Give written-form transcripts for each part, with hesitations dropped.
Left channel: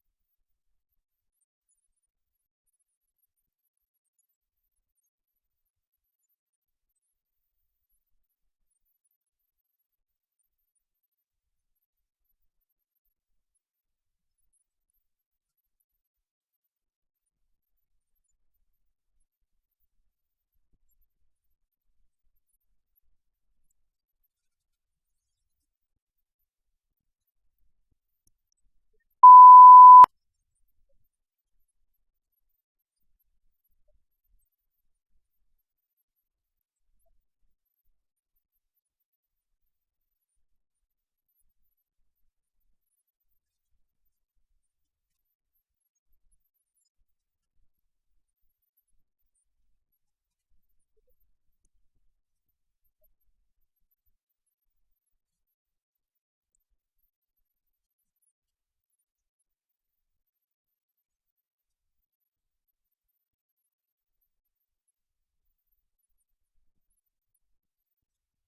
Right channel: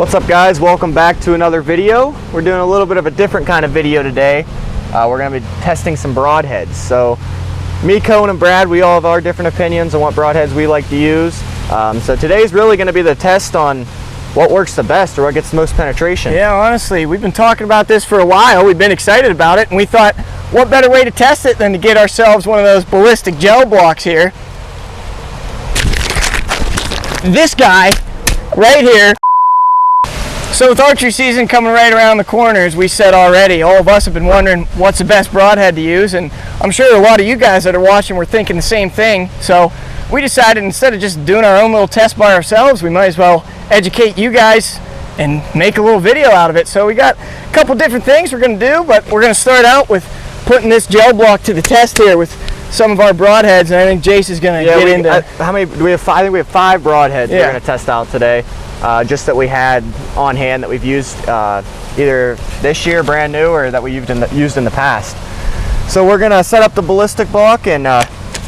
What's up guys, welcome back to another video. We're doing a little bit of a different kind of video today. We're going to be testing some broadheads. So me, Cohen, and Brad, we all have our different opinions on what broadheads we like to use. So today's really going to be the test on what works the best or what gets the most penetration. Yeah, honestly, we've been talking about this for a while. We've been excited about it, and we thought, what better way to test it than to get ourselves one of those ballistic gel blocks here. This guy right here. So with archery season coming right around the corner, as we said already, all of us have been wondering what's the best broadhead to use, and I'm sure a lot of you guys that are watching were thinking the same thing. So we decided instead of just doing our own little test by ourselves, we might as well educate you guys and make a little video out of it. So we got a couple different things we're going to do, but we're going to start out with putting this gel block to the test here with some of our broadheads, and I think Jace is going to get into... how many do we have? I think we have 5 broadheads we're going to test out today. Just that we had on hand that we've used either this year brand new or that we used in the past. So we're gonna set up the ballistic block and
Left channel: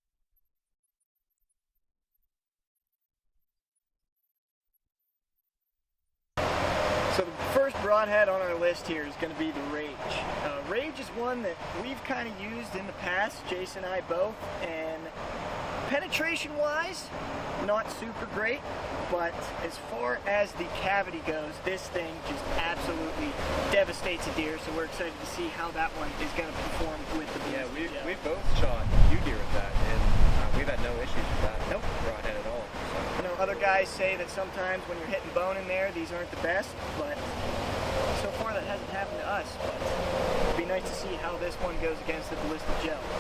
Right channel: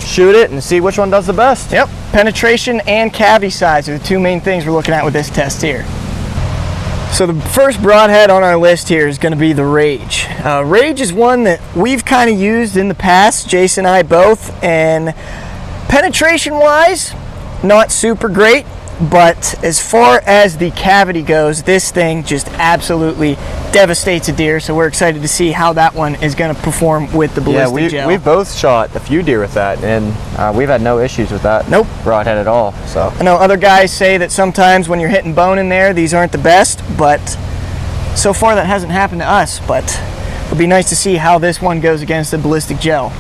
shoot it and see which one does the best. Yep, penetration and cavity size are the 2 main things we're looking at with this test here. So the first broadhead on our list here is going to be the Rage. Rage is one that we've kind of used in the past, Jace and I both, and penetration wise, not super great. But as far as the cavity goes, this thing just absolutely devastates a deer. So we're excited to see how that one is going to perform with the ballistic gel. We've both shot a few deer with that, and we've had no issues with that broadhead at all. So I know other guys say that sometimes when you're hitting bone in there, these aren't the best, but so far that hasn't happened to us. But it'll be nice to see how this one goes against the ballistic gel.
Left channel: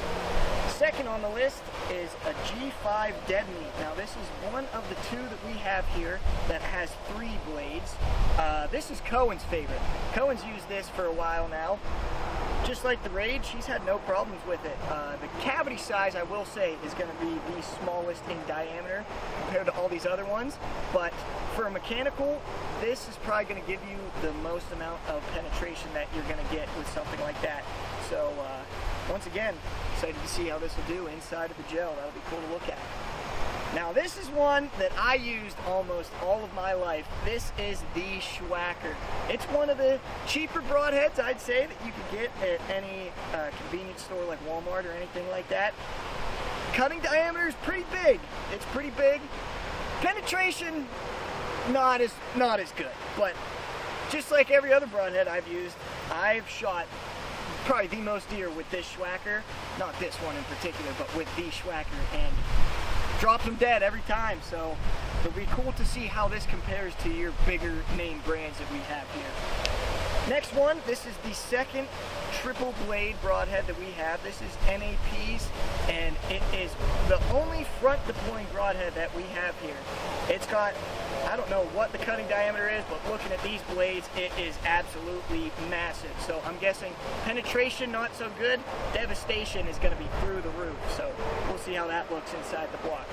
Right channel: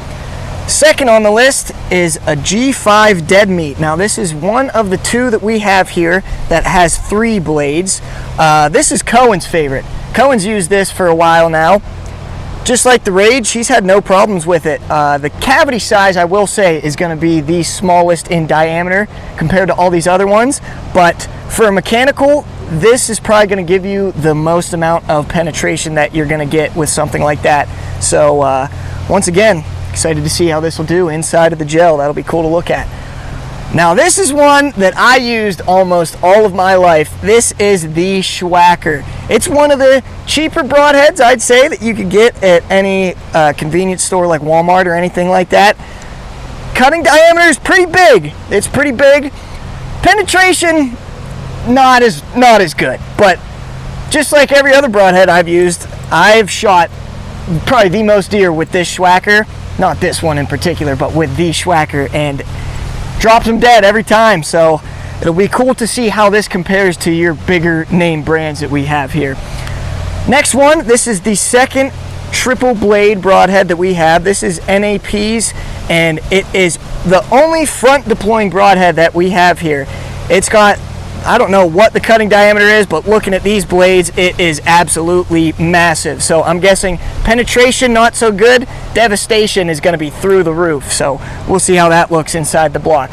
Second on the list is a G5 Deadmeat. Now this is one of the 2 that we have here that has 3 blades. This is Cohen's favorite. Cohen's used this for a while now. Just like the Rage, he's had no problems with it. The cavity size, I will say, is going to be the smallest in diameter compared to all these other ones. But for a mechanical, this is probably going to give you the most amount of penetration that you're going to get with something like that. So once again, excited to see how this will do inside of the gel. That'll be cool to look at. Now this is one that I used almost all of my life. This is the Swhacker. It's one of the cheaper broadheads, I'd say, that you could get at any convenience store like Walmart or anything like that. Cutting diameter is pretty big. It's pretty big. Penetration, not as good. But just like every other broadhead I've used, I've shot probably the most deer with this Swhacker. Not this one in particular, but with the Swhacker, and drops them dead every time. So it'll be cool to see how this compares to your bigger name brands that we have here. Next one, this is the second triple blade broadhead that we have. This is NAP's, and it is the only front deploying broadhead that we have here. It's got, I don't know what the cutting diameter is, but looking at these blades, it is absolutely massive. So I'm guessing penetration not so good, devastation is going to be through the roof. So we'll see how that looks inside the block.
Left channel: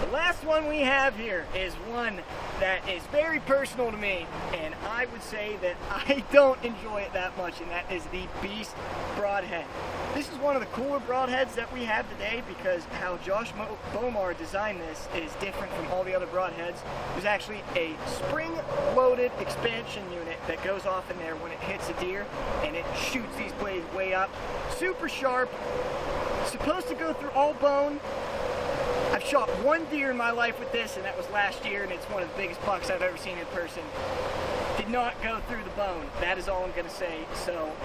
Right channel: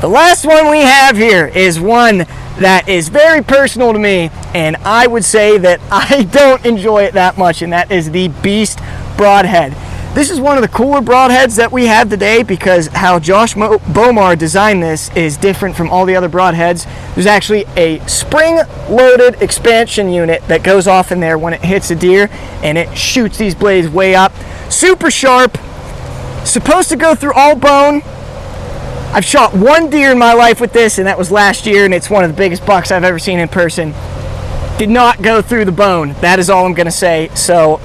The last one we have here is one that is very personal to me, and I would say that I don't enjoy it that much, and that is the Beast Broadhead. This is one of the cooler broadheads that we have today because how Josh Bomar designed this is different from all the other broadheads. There's actually a spring-loaded expansion unit that goes off in there when it hits a deer, and it shoots these blades way up. Super sharp, supposed to go through all bone. I've shot 1 deer in my life with this, and that was last year, and it's one of the biggest bucks I've ever seen in person. Did not go through the bone. That is all I'm going to say. So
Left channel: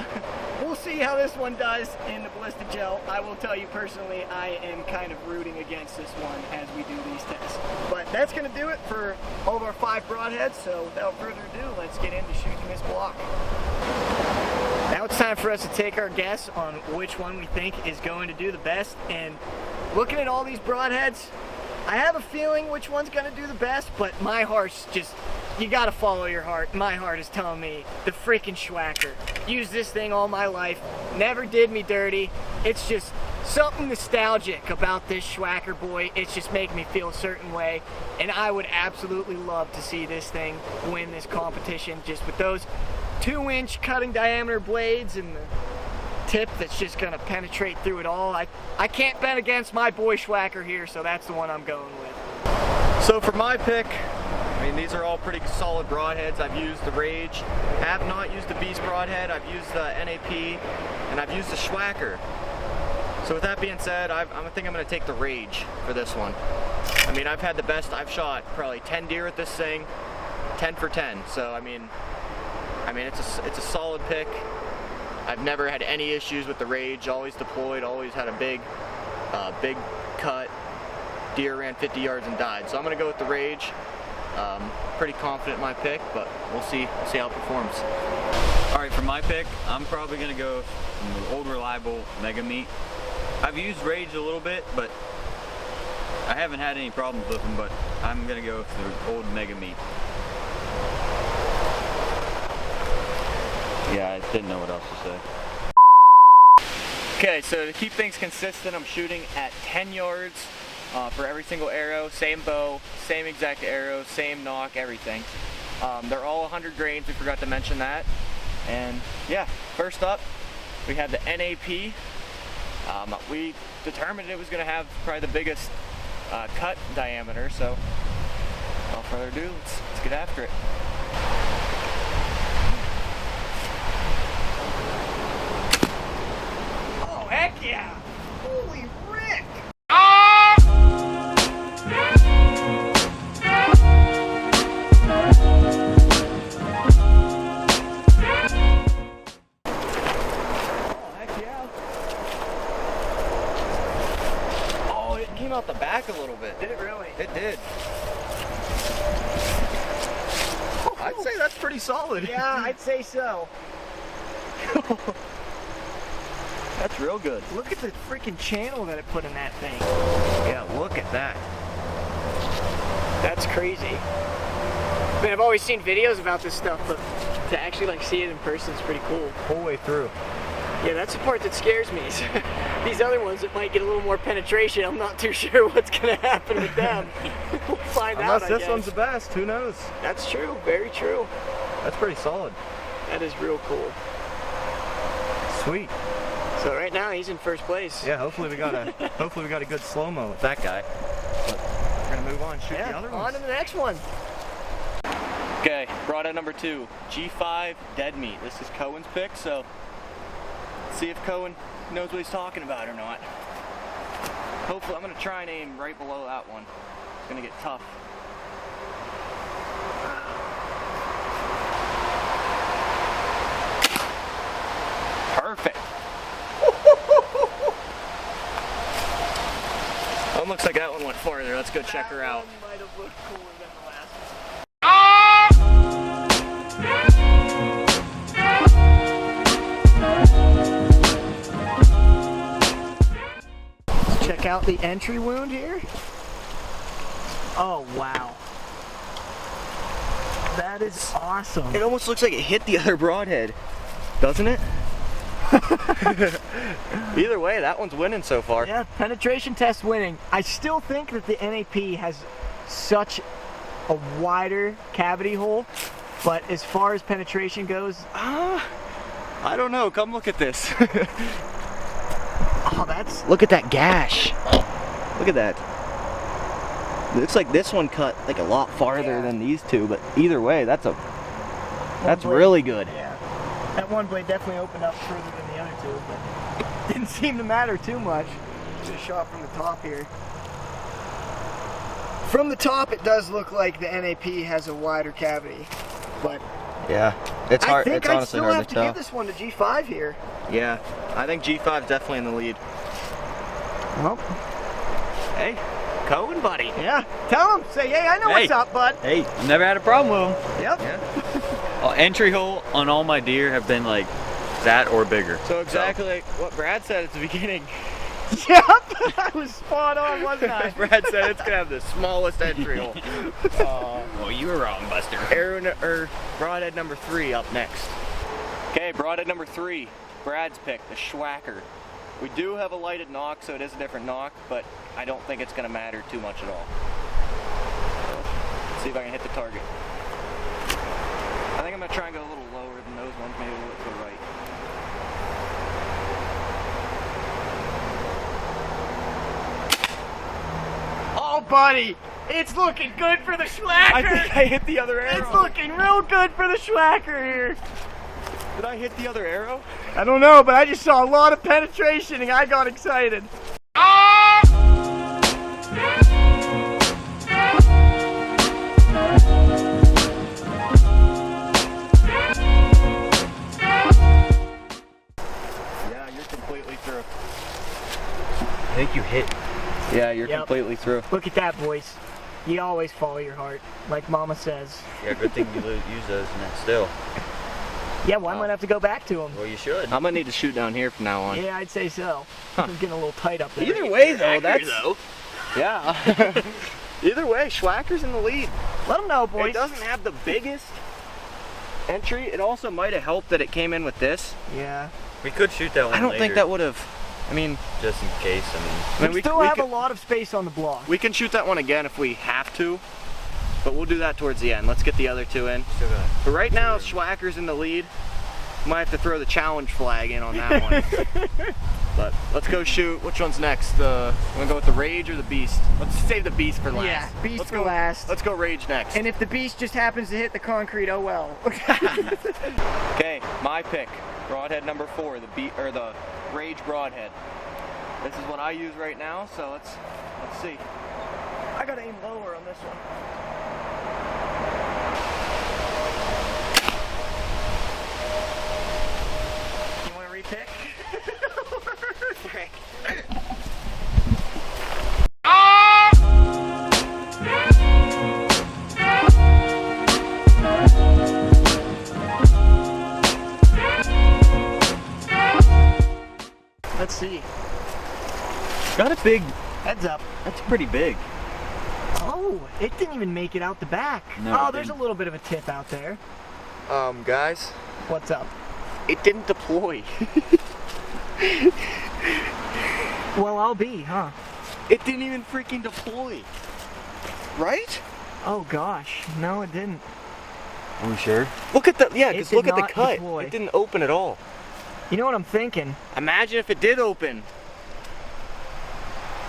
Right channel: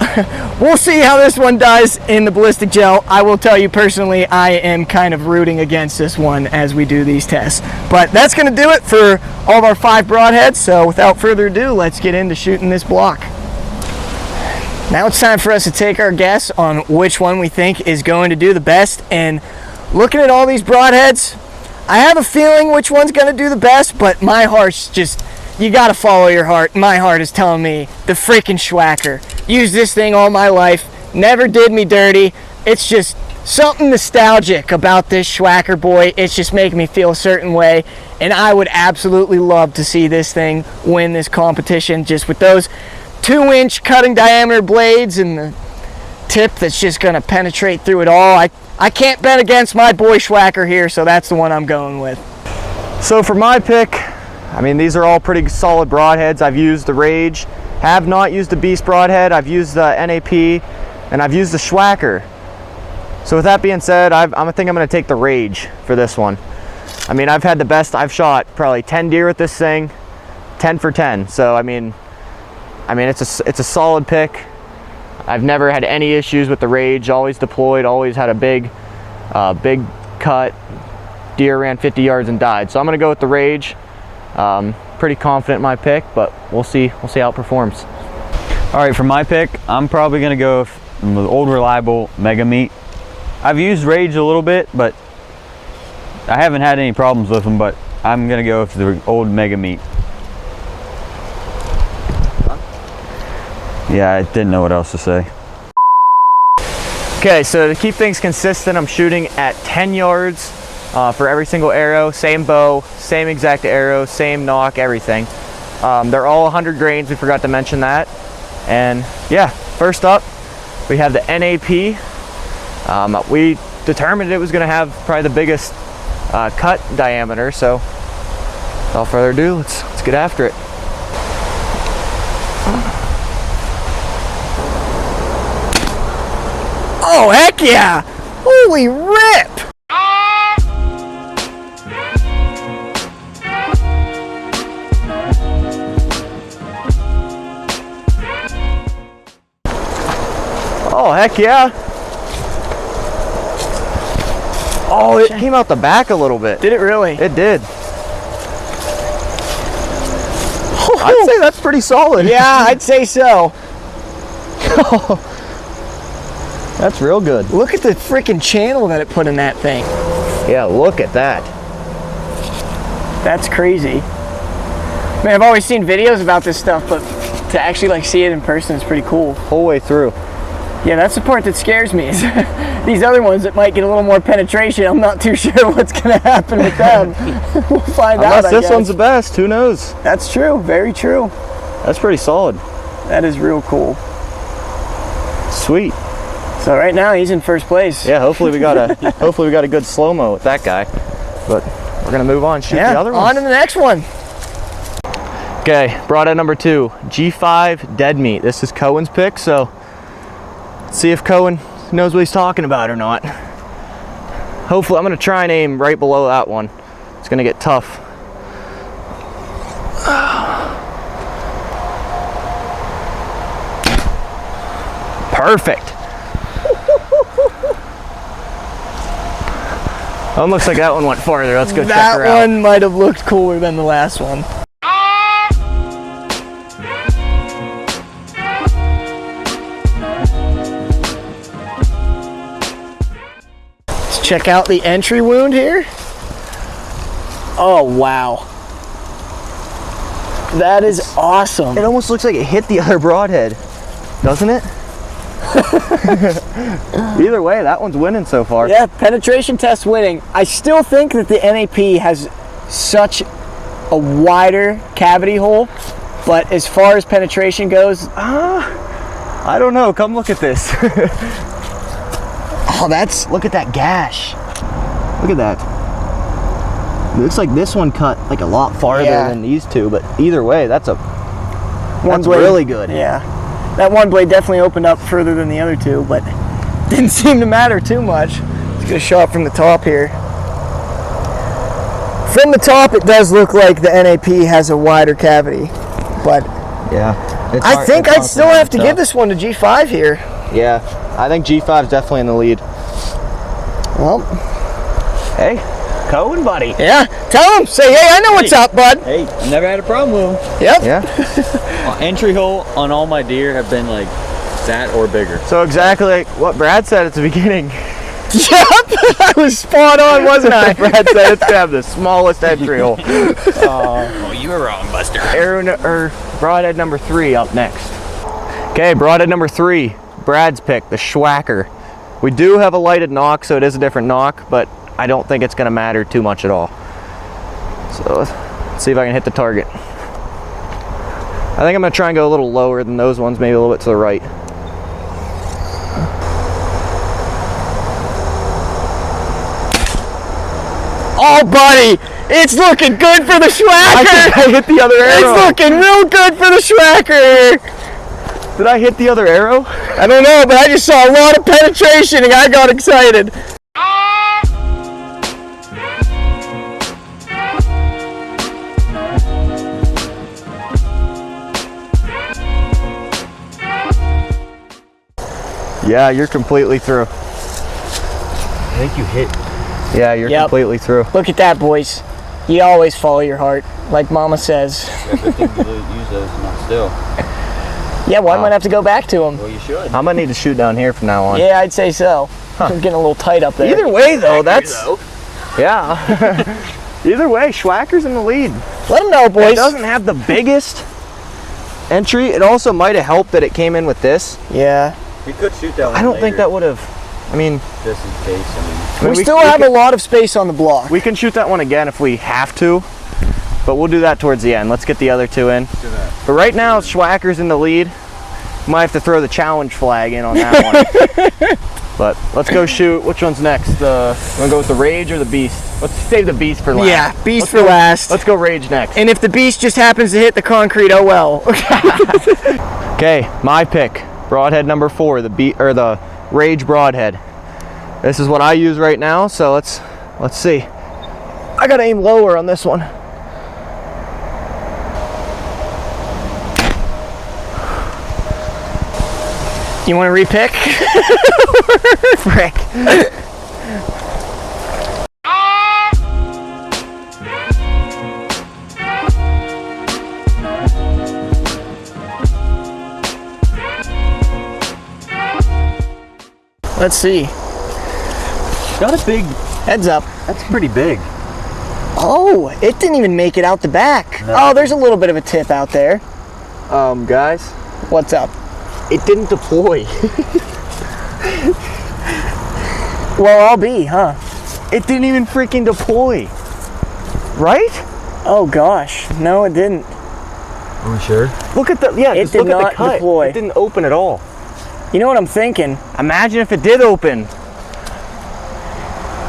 we'll see how this one does in the ballistic gel. I will tell you personally, I am kind of rooting against this one as we do these tests. But that's going to do it for all of our 5 broadheads. So without further ado, let's get into shooting this block. Now it's time for us to take our guess on which one we think is going to do the best. And looking at all these broadheads, I have a feeling which one's going to do the best, but my heart's just... You gotta follow your heart. My heart is telling me the freaking Swhacker. Used this thing all my life. Never did me dirty. It's just something nostalgic about this Swhacker boy. It's just making me feel a certain way. And I would absolutely love to see this thing win this competition just with those 2-inch cutting diameter blades and the tip that's just gonna penetrate through it all. I can't bet against my boy Swhacker here, so that's the one I'm going with. So for my pick, I mean, these are all pretty solid broadheads. I've used the Rage, have not used the Beast broadhead. I've used the NAP, and I've used the Swhacker. So with that being said, I think I'm gonna take the Rage for this one. I mean, I've had the best. I've shot probably 10 deer with this thing, 10 for 10. So I mean, it's a solid pick. I've never had any issues with the Rage. Always deployed. Always had a big cut. Deer ran 50 yards and died. So I'm gonna go with the Rage. Pretty confident in my pick, but we'll see how it performs. All right, for my pick, I'm probably gonna go with the old reliable Deadmeat. I've used Rage a little bit, but I haven't had any problems with them, but I'm gonna go with the old Deadmeat. Yeah, I didn't know what else to say. Okay, so to keep things consistent, I'm shooting at 10 yards for every single arrow, same bow, same exact arrow, same nock, everything. They're all 100 grains, we forgot to mention that. And yeah, first up, we have the NAP. We determined it was gonna have probably the biggest cut diameter, so without further ado, let's get after it. Oh, heck yeah! Holy rip! Oh, heck yeah. Oh, it came out the back a little bit. Did it really? It did. I'd say that's pretty solid. Yeah, I'd say so. That's real good. Look at the freaking channel that it put in that thing. Yeah, look at that. That's crazy. Man, I've always seen videos about this stuff, but to actually like see it in person is pretty cool. Whole way through. Yeah, that's the part that scares me. Is these other ones that might get a little more penetration, I'm not too sure what's gonna happen with them. We'll find out. Unless this one's the best, who knows? That's true, very true. That's pretty solid. That is real cool. Sweet. So right now he's in first place. Yeah, hopefully we got a good slow-mo with that guy. But we're gonna move on, shoot the other one. On to the next one. Okay, broadhead number 2, G5 Deadmeat. This is Cohen's pick, so let's see if Cohen knows what he's talking about or not. Hopefully, I'm gonna try and aim right below that one. It's gonna get tough. Perfect. Looks like that one went farther. Let's go check her out. That one might have looked cooler than the last one. Let's check out the entry wound here. Oh, wow. That is awesome. It almost looks like it hit the other broadhead, doesn't it? Either way, that one's winning so far. Yeah, penetration test winning. I still think that the NAP has such a wider cavity hole, but as far as penetration goes, I don't know. Come look at this. oh, that's, Look at that gash. Look at that. Looks like this one cut like a lot farther than these two, but either way, that's really good. Yeah. That one blade definitely opened up further than the other two, but didn't seem to matter too much. Let's get a shot from the top here. From the top, it does look like the NAP has a wider cavity, but yeah, I think I'd still have to give this one to G5 here. Yeah, I think G5 is definitely in the lead. Well, hey, Cohen, buddy. Yeah, tell him. Say, hey, I know what's up, bud. Hey, never had a problem with them. Yep. Yeah. Entry hole on all my deer have been like that or bigger. So exactly like what Brad said at the beginning. Yep, I was spot on, wasn't I? Brad said it's gonna have the smallest entry hole. Oh, you were wrong, Buster. Broadhead number 3 up next. Okay, broadhead number 3, Brad's pick, the Swhacker. We do have a lighted knock, so it is a different knock, but I don't think it's gonna matter too much at all. So let's see if I can hit the target. I think I'm gonna try and go a little lower than those ones, maybe a little bit to the right. Oh, buddy, It's looking good for the I Swhacker. think I hit the other arrow. It's looking real good for the Swhacker. Did I hit the other arrow? I don't know, but I just saw a lot of penetration and I got excited. Yeah, you're completely through. I think you hit. Yeah, you're Yep. completely through. Look at that, boys. You always follow your heart, like Mama says. I think you use those not still. Yeah, well, I might have to go back to them. Well, you should. I'm gonna need to shoot down here from now on. Yeah, I'd say so. I'm getting a little tight up there. Either way, though, yeah. Either way, Swhacker's in the lead. Let them know, It boys. doesn't have the biggest entry. It also might have helped that it came in with this. Yeah. We could shoot that one I don't later, think that would have. I mean, just in case. I mean, We still have a lot of space on the block. we can shoot that one again if we have to, but we'll do that towards the end. Let's get the other two in. do that. But right now, Swhacker's in the lead. Might have to throw the challenge flag in on that one. But let's go shoot. Which one's next? Want to go with the Rage or the Beast? Let's save the Beast for last. Yeah, Beast Let's for go- last. Let's go Rage next. And if the Beast just happens to hit the concrete, oh well. Okay, my pick. Broadhead number 4, the Rage Broadhead. This is what I use right now, so let's see. I gotta aim lower on this one. You want to repick? Frick. Let's see. That's big. Heads up. That's pretty big. Oh, it didn't even make it out the back. No. Oh, there's a little bit of a tip out there. Guys, What's up? it didn't deploy. Well, I'll be, huh? It didn't even freaking deploy. Right? Oh gosh, no, it didn't. Are we sure? Look at the It just did look at not the cut. deploy. It didn't open at all. You know what I'm thinking? Imagine if it did open.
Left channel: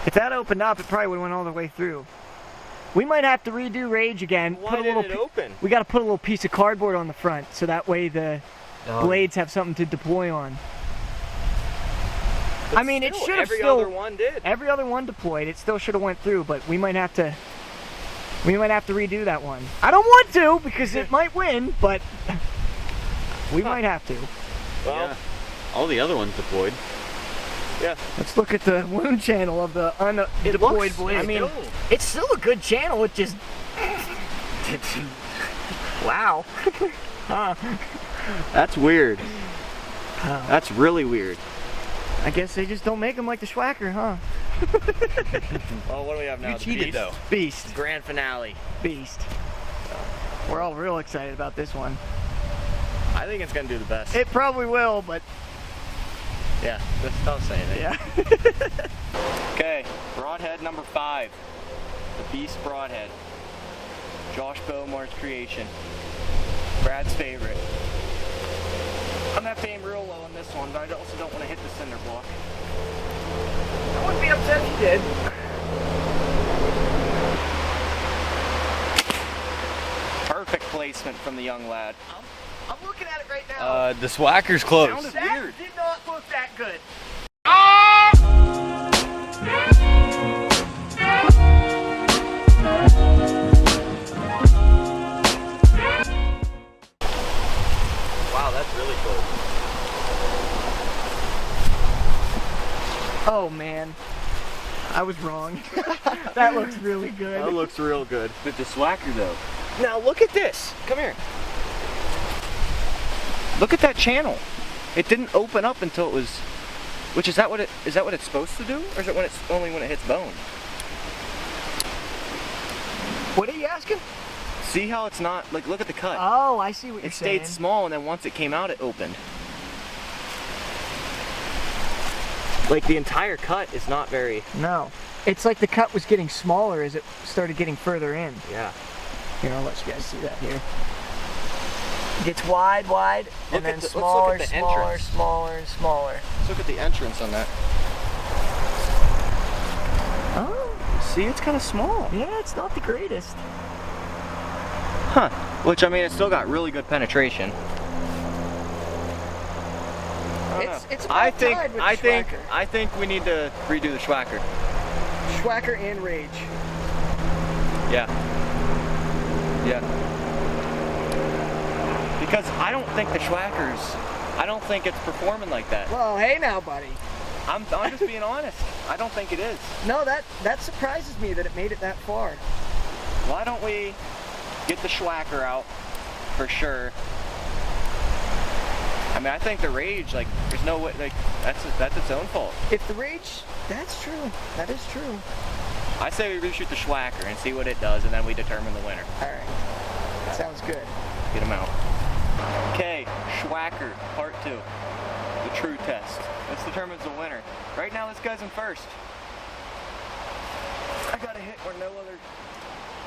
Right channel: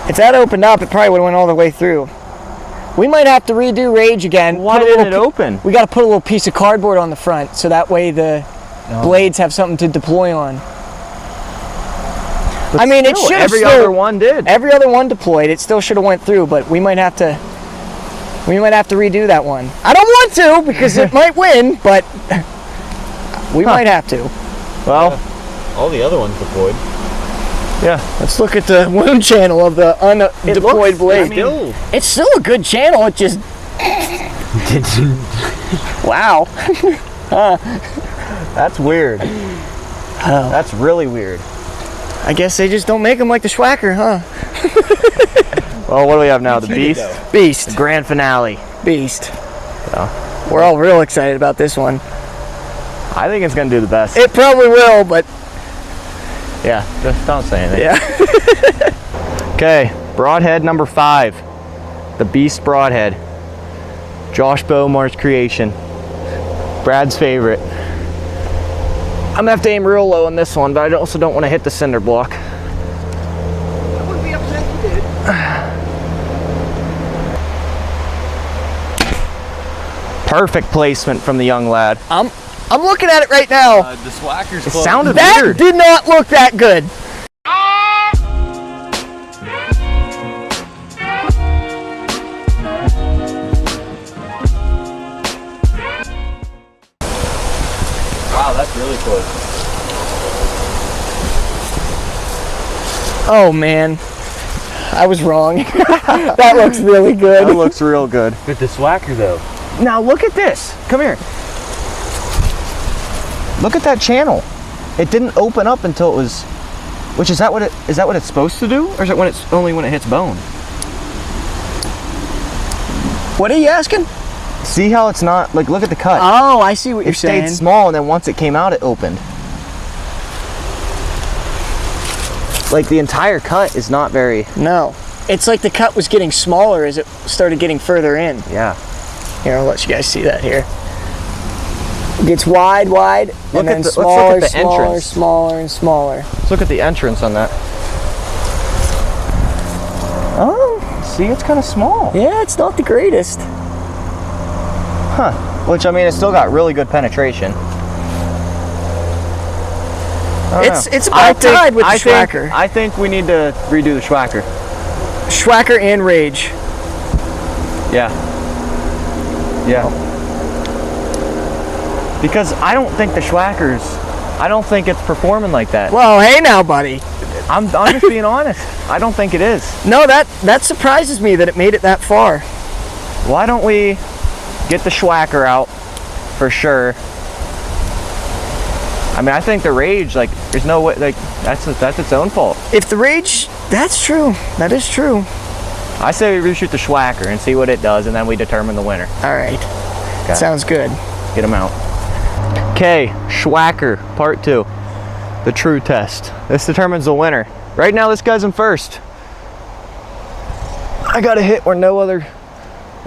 If that opened up, it probably would have went all the way through. We might have to redo Rage again. Why Put a didn't little it open? We got to put a little piece of cardboard on the front, so that way the blades have something to deploy on. I mean, it Still, should have every still, other one did. Every other one deployed. It still should have went through, but we might have to. We might have to redo that one. I don't want to because it might win, but we might have to. Well, All the other ones deployed. yeah. Let's look at the wound channel of the undeployed blade. Still. It's still a good channel. It just wow. That's weird. Oh. That's really weird. I guess they just don't make them like the Swhacker, huh? Well, what do we have now? The cheated, Beast? though. Beast. Grand finale. Beast. Oh. We're all real excited about this one. I think it's going to do the best. It probably will, but Yeah, just don't say anything. yeah. Okay, Broadhead number 5. The Beast Broadhead. Josh Beaumart's creation. Brad's favorite. I'm going to have to aim real low on this one, but I also don't want to hit the cinder block. I wouldn't be upset if you did. Perfect placement from the young lad. I'm looking at it right now. The Swhacker's It close. sounded That weird. did not look that good. Wow, that's really close. Oh man, I was wrong. That looks really good. That looks real good. With the Swhacker though. Now look at this. Come here. Look at that channel. It didn't open up until it was. Which is that what it's supposed to do, or is it when it's only when it hits bone? What are you asking? See how it's not like? Look at the cut. Oh, I see what you're It stayed saying. small, and then once it came out, it opened. Like the entire cut is not very. No, it's like the cut was getting smaller as it started getting further in. Yeah. Here, I'll let you guys see that here. It gets wide, Look and then at the- let's look smaller, at the smaller, entrance. smaller, and smaller. Let's look at the entrance on that. Oh, See, it's kind of small. Yeah, it's not the greatest. Huh. Which, I mean, it's still got really good penetration. It's about tied with the Swhacker. I think we need to redo the Swhacker. Swhacker and Rage. Yeah. Yeah. Because I don't think the Swhacker's, I don't think it's performing like that. Well, hey now, buddy. I'm just being honest. I don't think it is. No, that surprises me that it made it that far. Why don't we get the Swhacker out for sure? I mean, I think the Rage, like, there's no way, like, that's its own fault. If the Rage, that's true. That is true. I say we reshoot the Swhacker and see what it does, and then we determine the winner. All right. Okay. Sounds good. Get them out. Okay, Swhacker, part 2. The true test. This determines the winner. Right now, this guy's in first. I got a hit where no other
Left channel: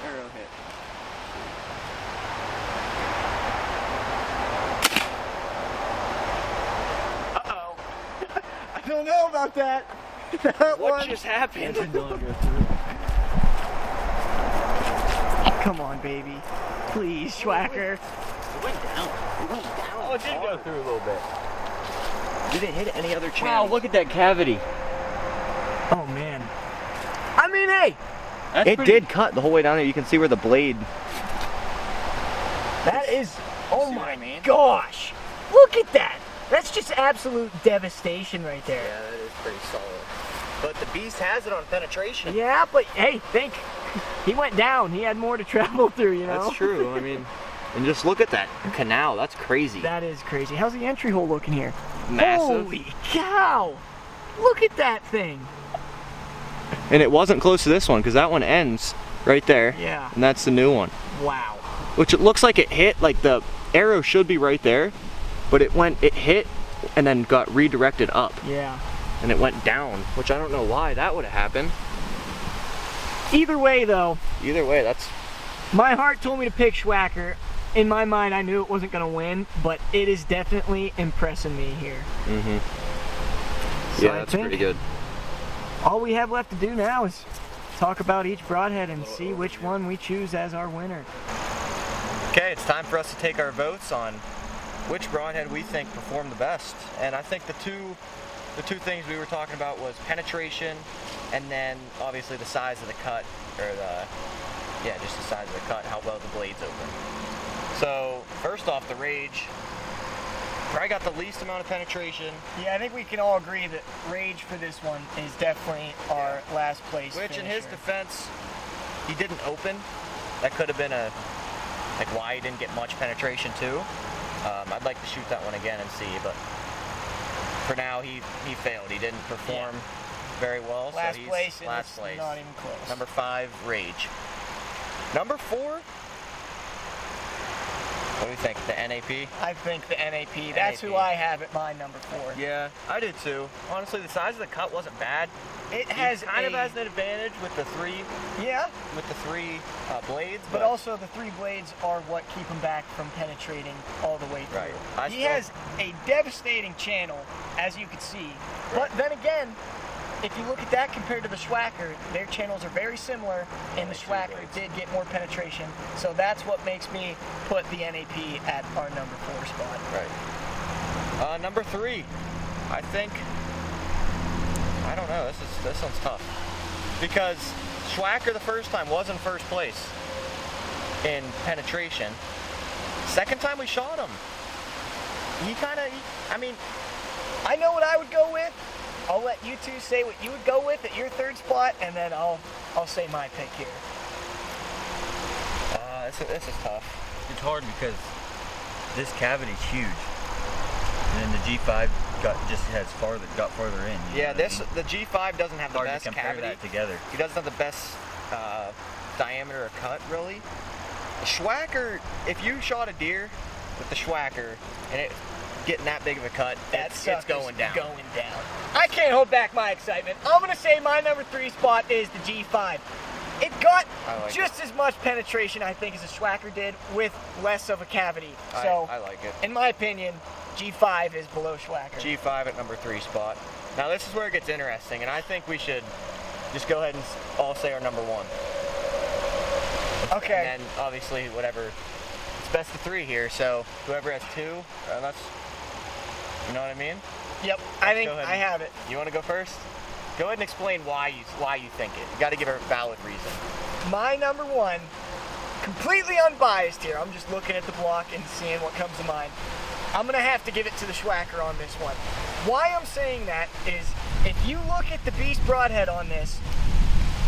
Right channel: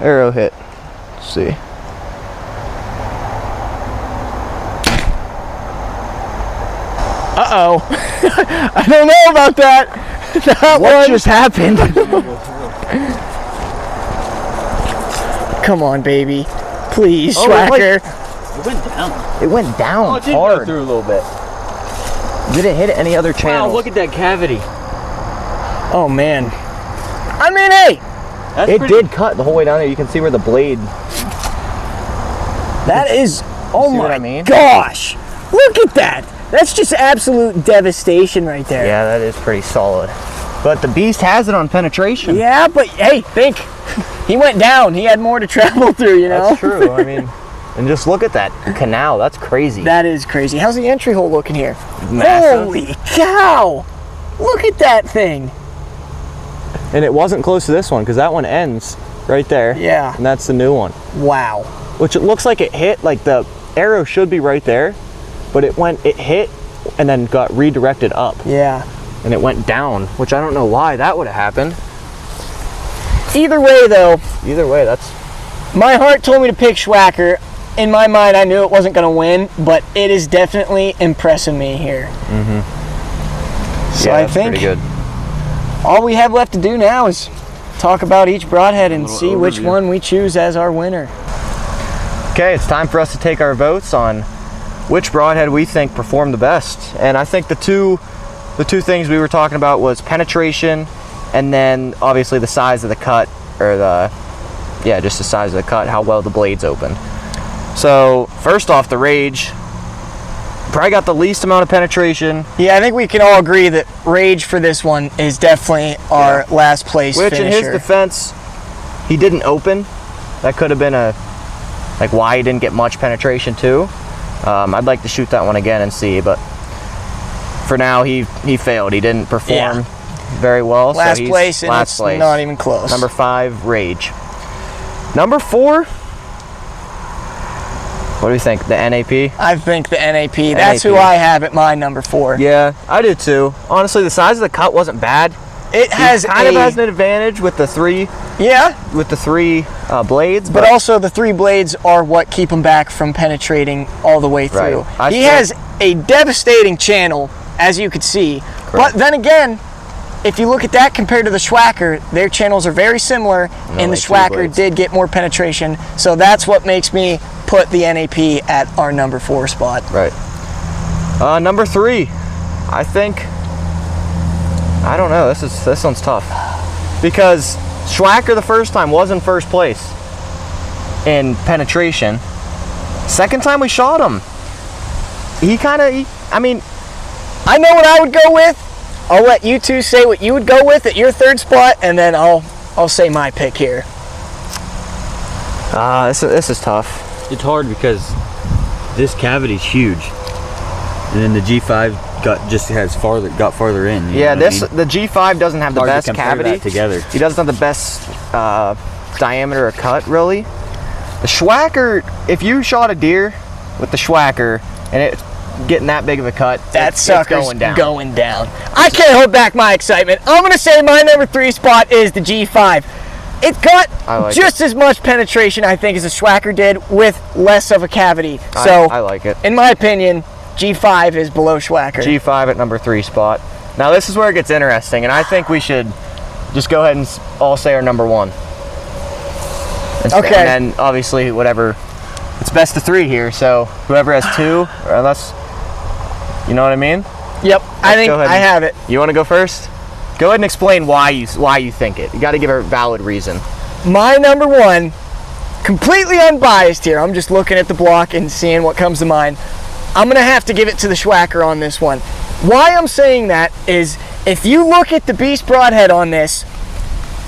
arrow hit. Let's see. Uh-oh. I don't know about that. What just happened? Come on, baby. Please, Oh, Swhacker. It went down. It went down Oh, it did hard. go through a little bit. Did it hit any other channel? Wow, look at that cavity. Oh, man. I mean, hey, It did cut the whole way down here. You can see where the blade. that is, oh See what my I mean? gosh. Look at that. That's just absolute devastation right there. Yeah, that is pretty solid. But the beast has it on penetration. Yeah, but hey, think. He went down. He had more to travel through, you know? That's true. I mean, and just look at that canal. That's crazy. That is crazy. How's the entry hole looking here? Massive. Holy cow! Look at that thing. And it wasn't close to this one because that one ends right there. Yeah. And that's the new one. Wow. Which it looks like it hit, like the arrow should be right there, but it hit and then got redirected up. Yeah. And it went down, which I don't know why that would have happened. Either way, though, Either way, that's my heart told me to pick Swhacker. In my mind, I knew it wasn't going to win, but it is definitely impressing me here. So I that's think pretty good. all we have left to do now is talk about each broadhead and little see which overview. one we choose as our winner. Okay, it's time for us to take our votes on which broadhead we think performed the best. And I think the two things we were talking about was penetration and then obviously the size of the cut, or just the size of the cut, how well the blades opened. So first off, the Rage probably got the least amount of penetration. Yeah, I think we can all agree that Rage for this one is definitely our last place Which finisher. in his defense, he didn't open. That could have been why he didn't get much penetration too. I'd like to shoot that one again and see, but for now he failed. He didn't perform very well. Last so he's place, and last it's place. not even close. Number 5, Rage. Number 4, what do we think? The NAP? I think the NAP. That's who NAP. I have at my number 4. Yeah, I did too. Honestly, the size of the cut wasn't bad. It has He kind of has an advantage with the three blades, but also the 3 blades are what keep him back from penetrating all the way through. Right. He has a devastating channel, as you could see. But then again, if you look at that compared to the Swhacker, their channels are very similar, and the like 3 Swhacker blades. did get more penetration. So that's what makes me put the NAP at our number 4 spot. Right. Number 3, I think. I don't know. This one's tough because Swhacker the first time was in first place in penetration. Second time we shot him, I mean, I know what I would go with. I'll let you two say what you would go with at your 3rd spot, and then I'll say my pick here. this is tough. It's hard because this cavity's huge, and then the G5 got farther in. you know what I mean? The G5 doesn't have the Hard to best compare cavity that together. He doesn't have the best diameter of cut, really. The Swhacker, if you shot a deer with the Swhacker and it's getting that big of a cut, That it's sucker's going down. I can't hold back my excitement. I'm going to say my number 3 spot is the G5. It got I like just as much penetration, I think, as the Swhacker did, with less of a cavity. So, I like it. in my opinion, G5 is below Swhacker. G5 at number 3 spot. Now this is where it gets interesting, and I think we should just go ahead and all say our number one. Okay. And then obviously whatever, it's best of 3 here, so whoever has 2, or unless, you know what I mean? Yep, I think I have it. You want to go first? Go ahead and explain why you think it. You got to give a valid reason. My number one, completely unbiased here. I'm just looking at the block and seeing what comes to mind. I'm gonna have to give it to the Swhacker on this one. Why I'm saying that is, if you look at the Beast Broadhead on this,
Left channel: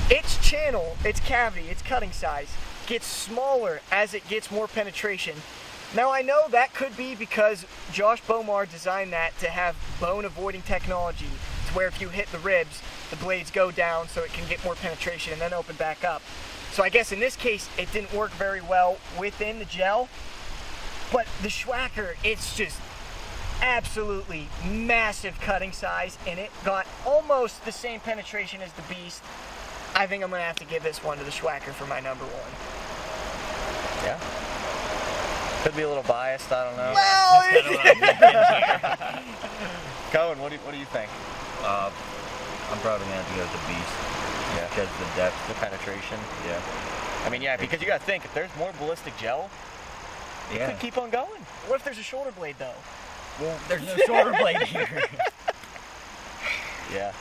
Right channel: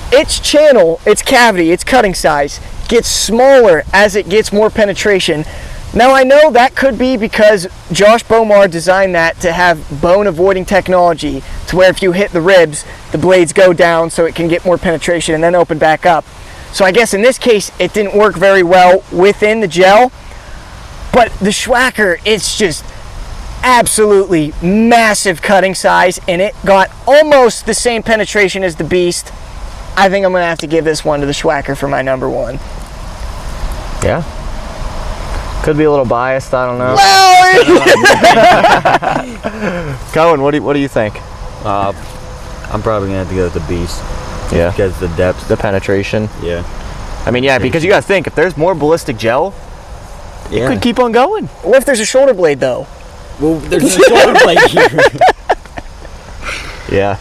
its channel, its cavity, its cutting size gets smaller as it gets more penetration. Now I know that could be because Josh Bomar designed that to have bone avoiding technology, to where if you hit the ribs, the blades go down so it can get more penetration and then open back up. So I guess in this case, it didn't work very well within the gel, but the Swhacker, it's just absolutely massive cutting size, and it got almost the same penetration as the Beast. I think I'm gonna have to give this one to the Swhacker for my number one. Yeah. Could be a little biased, I don't know. Well, Cohen, what do you think? I'm probably gonna have to go with the Beast. Yeah. Because the depth. The penetration. Yeah. I mean, yeah, because you gotta think, if there's more ballistic gel, Yeah. it could keep on going. what if there's a shoulder blade though? Well, there's a shoulder blade here. Yeah.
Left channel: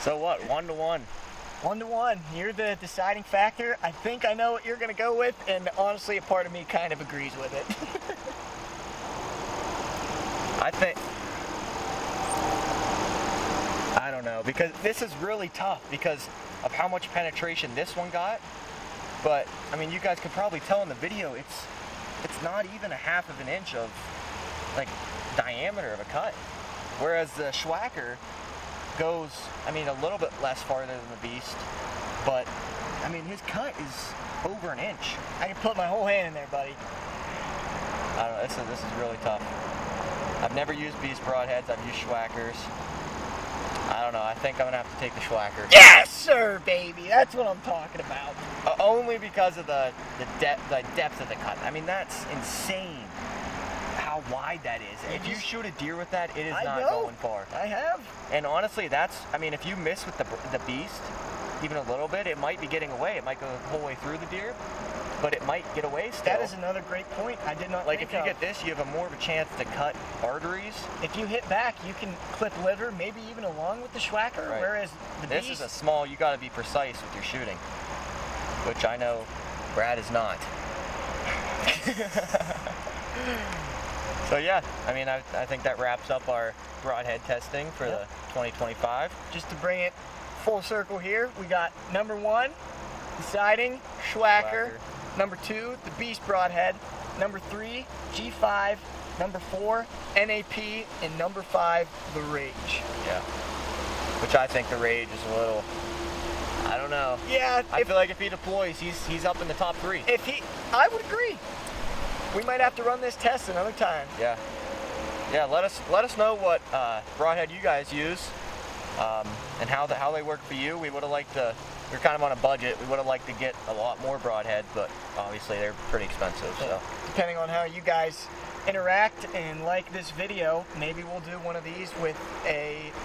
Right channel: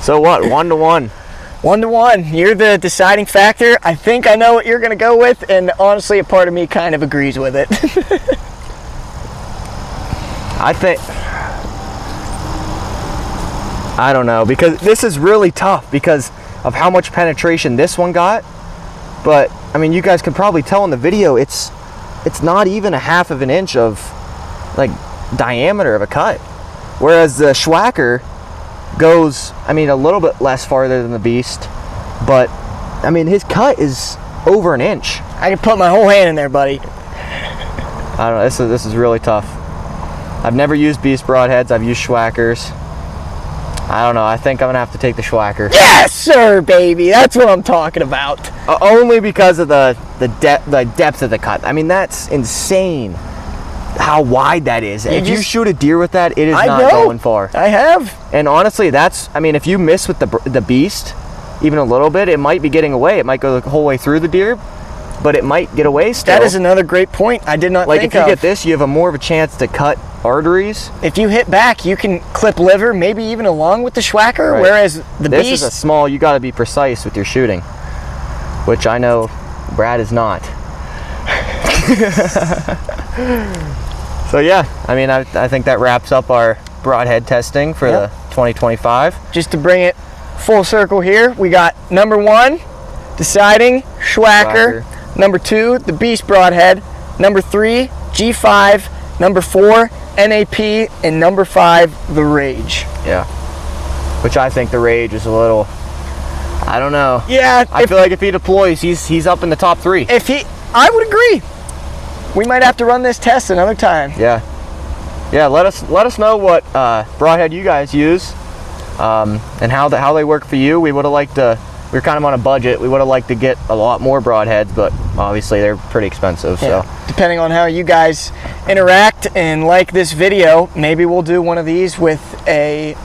So what, 1-1? 1-1, you're the deciding factor. I think I know what you're gonna go with, and honestly, a part of me kind of agrees with it. I don't know, because this is really tough because of how much penetration this one got. But I mean, you guys can probably tell in the video, it's not even a half of an inch of like diameter of a cut, whereas the Swhacker goes, I mean, a little bit less farther than the Beast, but I mean, his cut is over an inch. I can put my whole hand in there, buddy. I don't know, this is really tough. I've never used Beast Broadheads, I've used Swhackers. I don't know, I think I'm gonna have to take the Swhacker. Yes, sir, baby. That's what I'm talking about. Only because of the depth of the cut. I mean, that's insane how wide that is. If you shoot a deer with that, it is not going far. I have. And honestly, I mean, if you miss with the Beast, even a little bit, it might be getting away. It might go the whole way through the deer, but it might get away still. That is another great point I did not think of. Like, if you get this, you have more of a chance to cut arteries. If you hit back, you can clip liver, maybe even along with the Swhacker, Right. whereas the This Beast... is a small, you gotta be precise with your shooting, which I know Brad is not. So yeah, I mean, I think that wraps up our Broadhead testing for the 2025. Just to bring it full circle here, we got number 1, deciding Swhacker. Number 2, the Beast Broadhead. Number 3, G5. Number 4, NAP. And number 5, the Rage. Yeah. Which I think the Rage is a little, I don't know. Yeah, I feel like if he deploys, he's up in the top 3. I would agree. We might have to run this test another time. Yeah. Yeah, let us know what Broadhead you guys use, and how they work for you. We would have liked to, we're kind of on a budget. We would have liked to get a lot more Broadheads, but obviously they're pretty expensive. Yeah. So Depending on how you guys interact and like this video, maybe we'll do one of these with a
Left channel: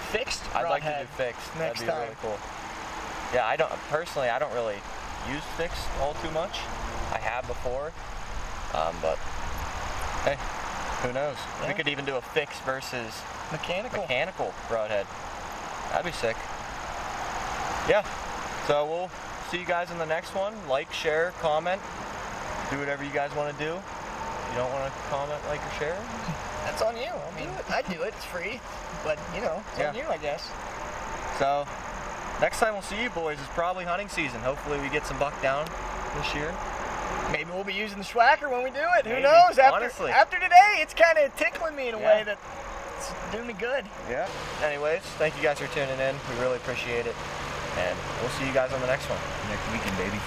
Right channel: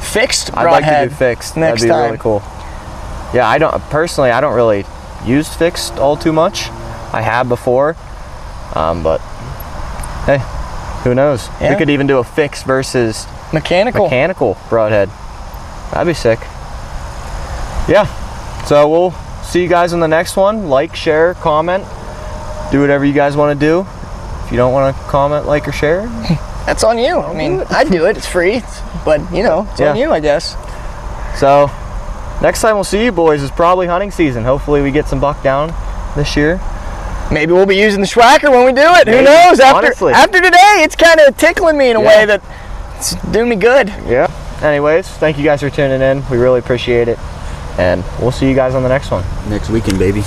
fixed Broadhead. I'd like to do fixed. Next That'd be time. really cool. Yeah, I don't really use fixed all too much. I have before, but hey, who knows? Yeah. We could even do a fixed versus Mechanical Broadhead. That'd be sick. Yeah, so we'll see you guys on the next one. Like, share, comment, do whatever you guys want to do. If you don't want to comment, like, or share, That's on you. I mean, I'd do it. It's free. But, you know, it's on you, I guess. So next time we'll see you boys is probably hunting season. Hopefully we get some buck down this year. Maybe we'll be using the Swhacker when we do it. Maybe, Who knows? honestly. After today, it's kind of tickling me in a way that it's doing me good. Yeah. Anyways, thank you guys for tuning in. We really appreciate it. And we'll see you guys on the next one. Next weekend, baby.